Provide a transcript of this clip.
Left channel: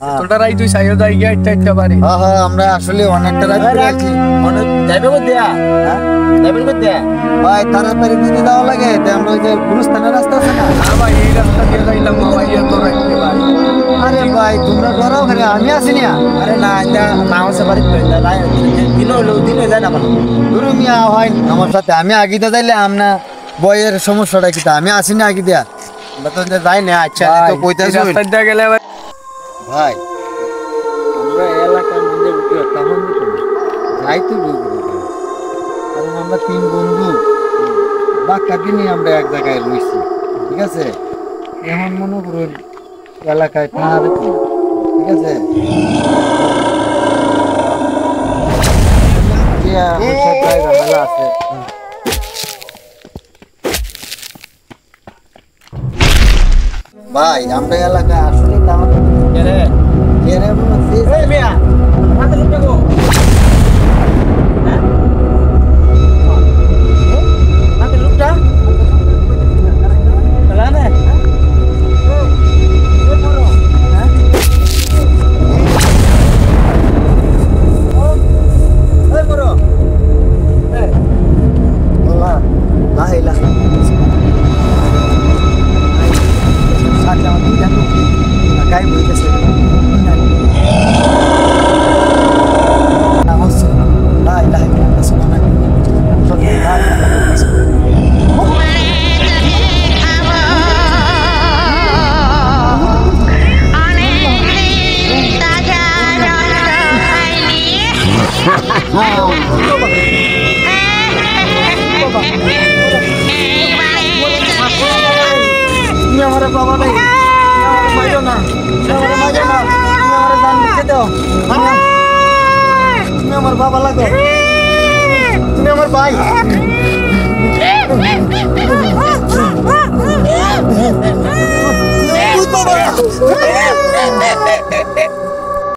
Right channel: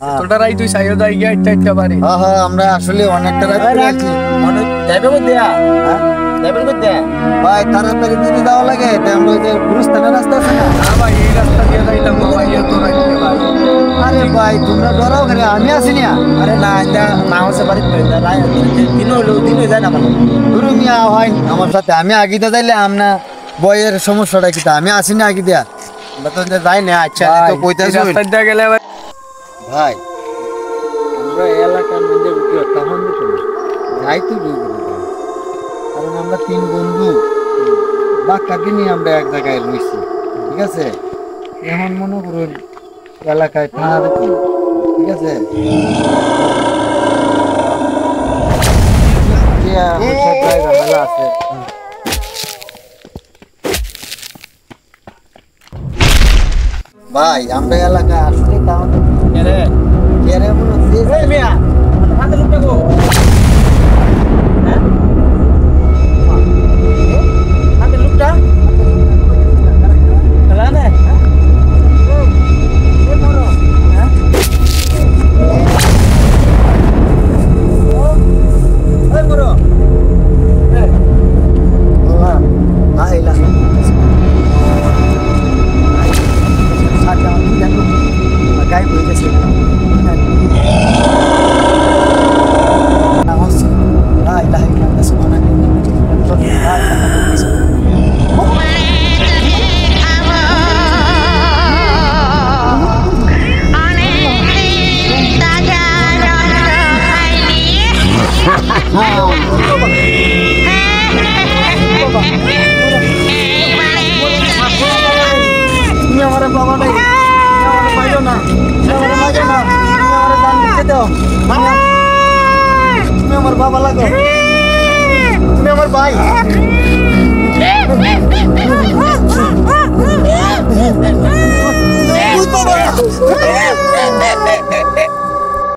তোটা রাই তুই সাইও যাই গিয়া একটা বাড়ি। হ্যাঁ হ্যাঁ আমরা আসলে অনেকটা রাত আছি। মানে যাইবে কো দেয়া? হ্যাঁ যাইবে কো দেয়া? ভাই তাড়াতাড়ি যদি যাওয়া লাগে তো আমরা ওই যে গুরুস্থানের রাস্তা আছে না? না ভাই এই রাস্তা দিয়ে যাইতাম না ভাই, এত রাখতে ভাই। আরে ভাই তোমরা ডরাও খালি, আমি আছি না। আরে না এটা না হচ্ছে বাড়ি তো এটা দিন হইলো দিন হয়ে যায় না মানে। ধরু মিয়া হয় আমার সাথে, আমি আগিতে যাইলে আমনা বইয়ের সমস্যাটা কি, আমি আসি না আগে দিয়া। আমরা তো যাই না। আচ্ছা তো কইতাছ রাস্তা দিয়ে গেলে ভাই ভাই আমরা এই এলাকার মধ্যে উঠি তখন দিত না যাই তো কারণ আমরা 3 বন্ধু বাক্কা দিনই আমরা এক জায়গায় রইছি, ঠিক আছে? এখন মনে করুন এলাকায় থানা দেখি, ঠিক আছে? মেলা আছে। ভাই আমরা এলাকায় আসলে তাহলে কেরে মনে হচ্ছে এই মিয়া হাতে লুকটা গো। হ্যাঁ হাতে লুকটা চলা না। এই মরো হ্যাঁ এই মরো এই আল্লাহ লা ইলাহা ইল্লাল্লাহ। সাথে আমার দুই জানো গাই বই গেছে নামাজ লা ইলাহা ইল্লাল্লাহ সুবহানাকা ইন্নী কুনতু মিনাজ জালিমিন। আমার বাবা নাই, আমার মাইরো না, আমার মাইরো না, আমার দান দিতে দাও। তুমি আমার বাবা লাগো, তুমি আমার ভাই। বাবা